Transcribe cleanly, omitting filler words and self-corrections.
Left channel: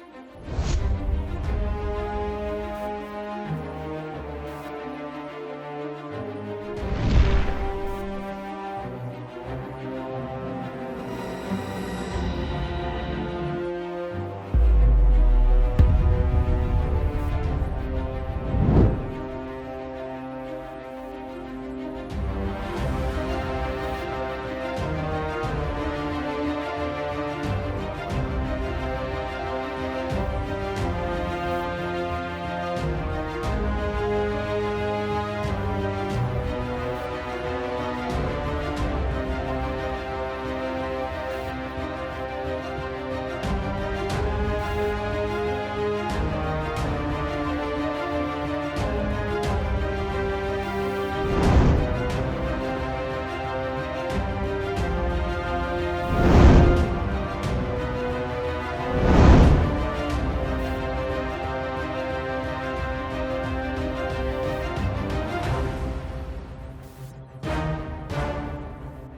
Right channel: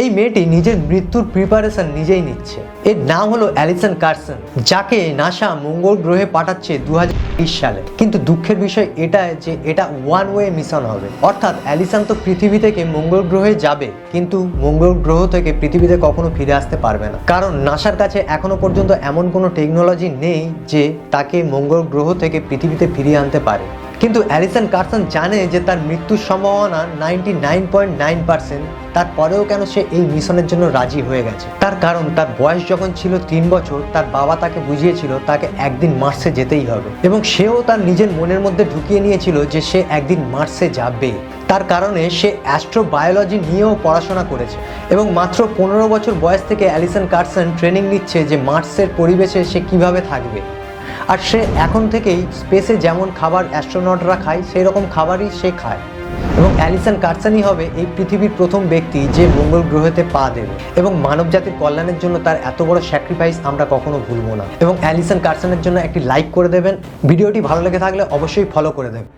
এই মেয়েটি নিজের মৃত্যুর প্রিপারেশন নিজেই নিচ্ছে। এর নাম হলো অ্যালিসন কার্সন, যাকে নাসা মঙ্গল গ্রহে পাঠাচ্ছে 2020 সালে। কিন্তু দুঃখের বিষয় এটা যে এটা ওয়ান ওয়ে মিশন হবে, অর্থাৎ অ্যালিসন তো পৃথিবী থেকে মঙ্গল গ্রহে যাবে, কিন্তু মঙ্গল গ্রহ থেকে পৃথিবীতে কখনো ফিরে আসতে পারবে না, কারণ নাসার কাছে এখনো পর্যন্ত এমন কোনো টেকনোলজি নেই যে তাকে মঙ্গল গ্রহ থেকে পৃথিবীতে ফিরিয়ে আনতে পারে। কিন্তু অ্যালিসন কার্সন জানে যে তার মৃত্যুর সম্ভাবনা 99.9%, তারপরেও কেন সে এই মিশনের জন্য রাজি হয়ে গেছে? তার কারণ তার বয়স যখন ছিল 3 বছর, তার বাবা তাকে বুঝিয়েছিল তাকে একদিন মার্সে যেতেই হবে, এবং সেও তার নিজের মনের মধ্যে ঢুকিয়ে নিয়েছিল যে সে একদিন মার্সে যাবে। তার কারণে সে অ্যাস্ট্রোবায়োলজি নিয়েও পড়াশোনা করেছে, এবং মাত্র 15 বছর বয়স থেকে অ্যালিসন কার্সন ট্রেনিং নিচ্ছে যে মার্সের পরিবেশে সে কিভাবে থাকবে। আর সে এখন থেকেই স্পেসে যেমন খাবার অ্যাস্ট্রোনটরা খায় সেই রকম খাবারই সে খায়, এবং অ্যালিসন কার্সনই হবে এই পৃথিবীর প্রথম ব্যক্তি যে মঙ্গল গ্রহেতে পা দেবে। এবং মানব জাতির কল্যাণের জন্য তার এত বড় স্যাক্রিফাইস আমরা কখনো ভুলবো না। এবং অ্যালিসন কার্সনের জন্য একটি লাইক করে দেবেন। ভিডিওটি ভালো লেগে থাকলে অবশ্যই ফলো করে দেবেন।